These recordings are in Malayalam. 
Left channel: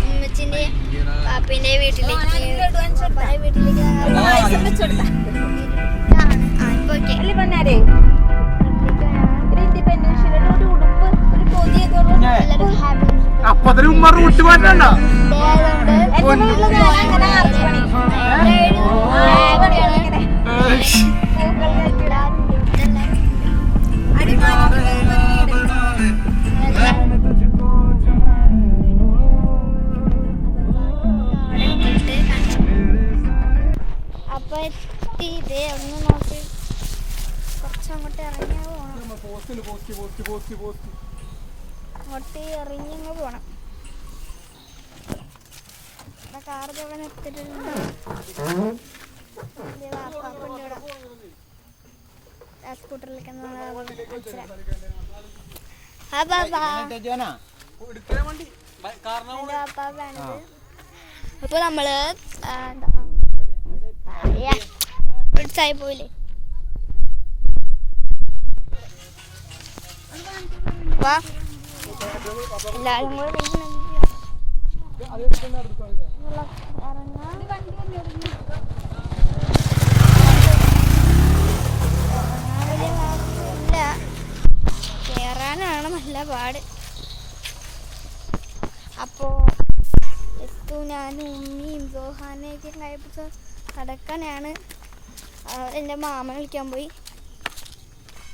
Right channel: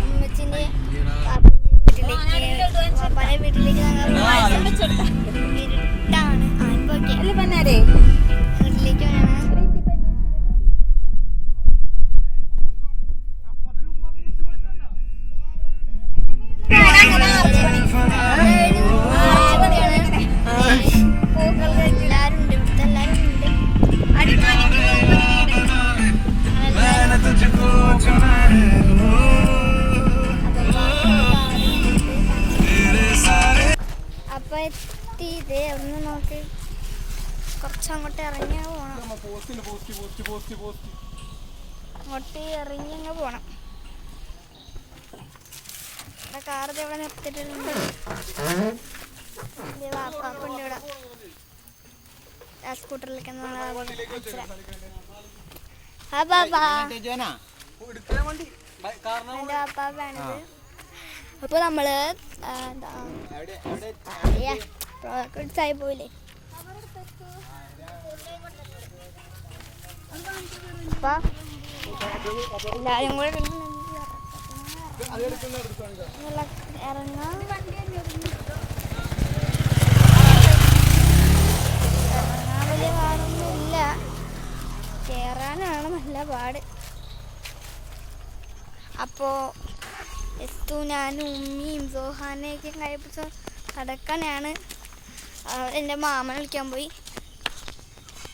ഉമ്മച്ചിന്റെ പാപ്പിന്റെ വീട്ടിലേക്ക് അപ്പത്തിന് ഉമ്മ റൂട്ട് മാറ്റണ്ട അപ്പൊ എത്തിയത് ഒന്ന് നോക്ക് കുറച്ചങ്ങോട്ട് ഇറങ്ങി പോണം അങ്ങോട്ട് ഇറങ്ങി അങ്ങ് പോണം കാർ ഇവിടെ നിർത്തിയിട്ടുണ്ട് സ്കൂട്ടറിലേക്ക് അപ്പൊ നമ്മള് ആയി പോയില്ലേ വാ എല്ലാരും കൂടെ ഇറങ്ങാൻ വലിയ പാടൊന്നുമില്ല കേറാനാണ് നല്ല പാട് അപ്പോ ഞാനും ഉമ്മിയും സോഹാനെയൊക്കെ കഴിപ്പിച്ച് കിടക്കാനാണ് എൻ്റെ മാമൻ വിളിക്കാൻ പോയി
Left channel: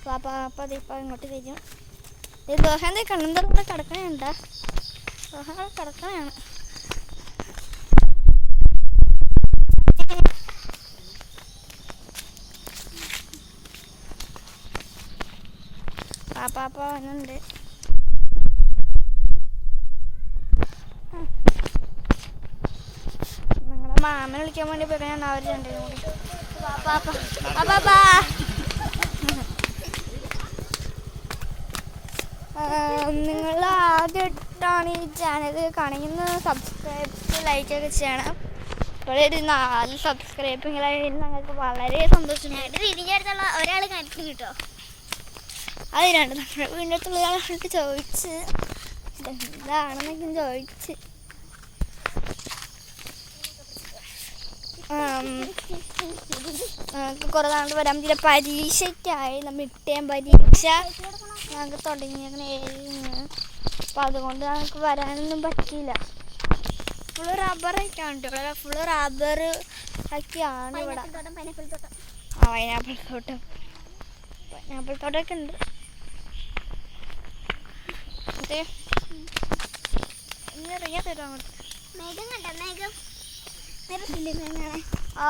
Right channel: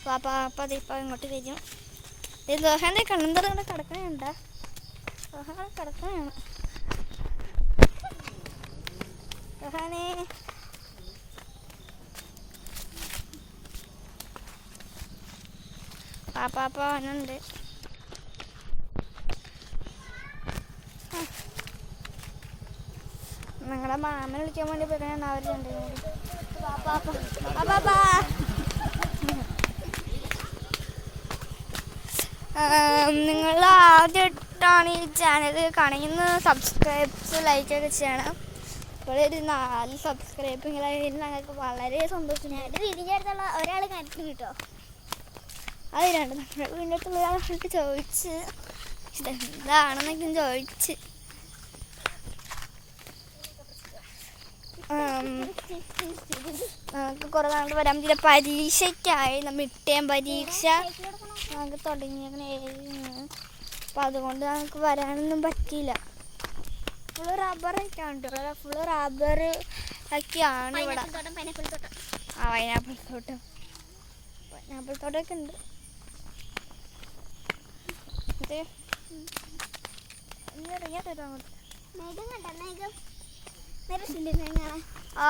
പാപ്പ അതിപ്പോൾ ഇങ്ങോട്ട് വരും സോഹാൻ്റെ കണ്ണും തുറന്ന് കിടക്കാനുണ്ടാ സോഹാൻ കിടക്കാനാണ് സോഹാനെ പാപ്പ വന്നുണ്ട് നിങ്ങളുടെ മാമനെ വിളിക്കാൻ വേണ്ടി പറയാൻ അവർ രണ്ടും കൂടി നിങ്ങൾ ആദ്യമായിട്ടാണ് ഈ ചാനൽ കാണിക്കുന്നത് സബ്സ്ക്രൈബ്സ് ലൈക്കൊക്കെ ചെയ്യണം ഇപ്പോൾ ഒരു 4 സബ്സ്ക്രൈബിങ്ങളായി ഞങ്ങൾക്ക് വളരെ സന്തോഷമായിട്ട് തിരിഞ്ഞെടുത്തുള്ള ഒരാൾ കണക്ക് കിട്ടോ അതിനാണ് നമ്മുടെ വീടിൻ്റെ അടുത്തുള്ള ഒരാളായിട്ട് ചോദിച്ച് ഇതെന്താണെന്നൊക്കെ ചോദിച്ച് നമുക്ക് കുറേ നാളുകൊണ്ട് വരാൻ പറ്റില്ല പരീക്ഷയ്ക്കായി മിഡ് പരീക്ഷ ഞങ്ങൾക്ക് തുടങ്ങിയേക്കണേ അപ്പം അതുകൊണ്ട് നമുക്ക് വരാനൊന്നും പറ്റിയില്ല ഫുള്ള് റബ്ബറൊക്കെയാണ് കേട്ടോ ഇവിടെ ഫുള്ള് റബ്ബർ ഒക്കെയാണ് ഇവിടെ പൈനാപ്പിൾ തോട്ടമൊക്കെ ഉണ്ട് അതെ ഇറങ്ങിയാൽ തരും അങ്ങോട്ട് ആ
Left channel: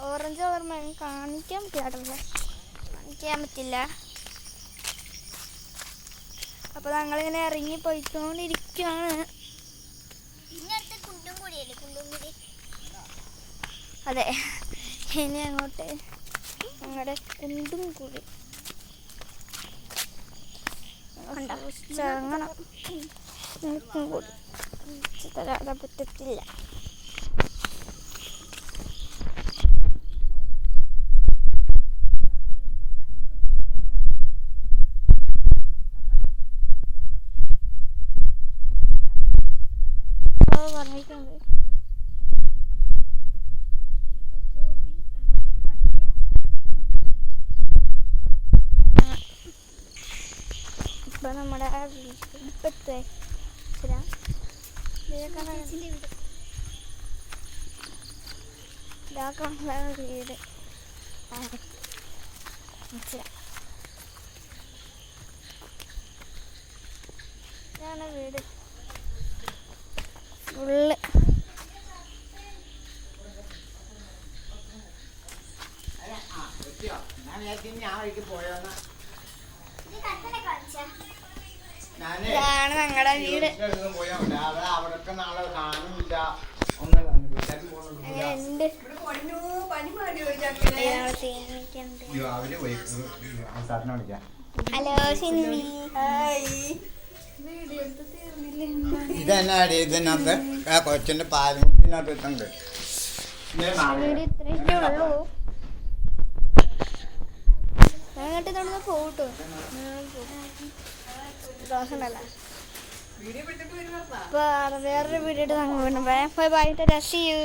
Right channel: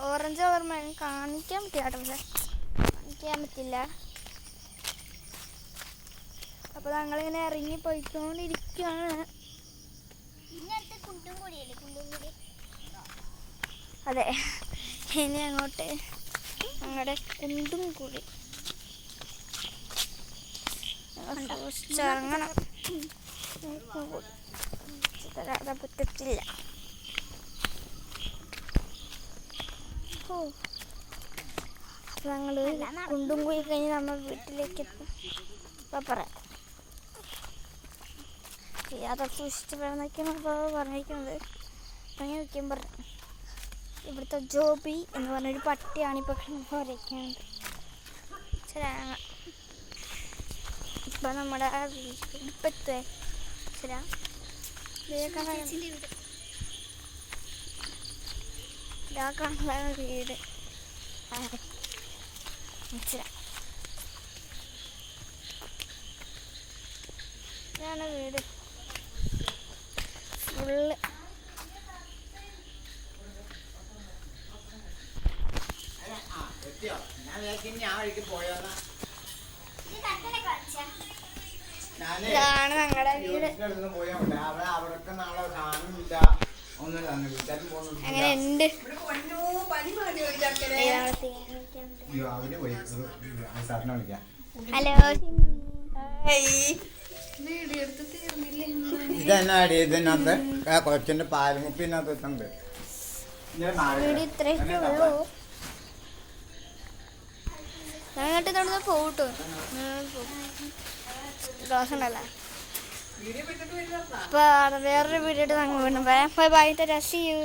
ഓറഞ്ച് ഓർമ്മ കാണിക്കാൻ പറ്റില്ല കാണിക്കാൻ പറ്റില്ല അപ്പോൾ ഞങ്ങളിങ്ങനെ ഇറങ്ങി പോയിക്കൊണ്ടിരിക്കുകയാണ് അതെ ഇനി അങ്ങോട്ട് ഞങ്ങളുടെ കുണ്ടും കൂടി ഇറങ്ങണം കൂടി തരാതെ പറ്റത്തില്ല ഞങ്ങൾ കുണ്ടും കൂടി കഴിഞ്ഞ് നമ്മൾ വീട്ടിലേക്ക് എത്തും പറയാം യാതൊക്കെ സൂക്ഷിച്ച് വേണമെന്നൊക്കെയാണ് പറഞ്ഞിരിക്കുന്നത് അങ്ങനെ വയ്ക്കാൻ പറഞ്ഞു ഇവിടുത്തെ ജോബി എന്ന് പറഞ്ഞൊരു പട്ടിയാണ് ഇപ്പോൾ വരയ്ക്കുന്നത് ഇപ്പം നമ്മുടെ വീട്ടിലെത്തുവേ ശരിയാ ഇതാക്കാണ് വീട് ഇതാണ് വീട് ഫുള്ള് ഇതാണ് ഞങ്ങളുടെ വീട് അങ്ങനെ ഉണ്ട് ഹലോ സിന്നി ഇതെന്നാടി ഇതിനകത്ത് കൊച്ചിന്റെ പാൽമുപ്പിനകത്ത് വെച്ചുണ്ട് വീട് ഇത്രയൊക്കെ ഉള്ളൂ എന്നിട്ട് ഇതോടെ പോകട്ടോ ക്ലാസ് ഉണ്ടല്ലോ. അപ്പോൾ വേറൊരു വീഡിയോ ആയിട്ട് നമുക്ക് വീണ്ടും പറയാം. Bye bye, see U.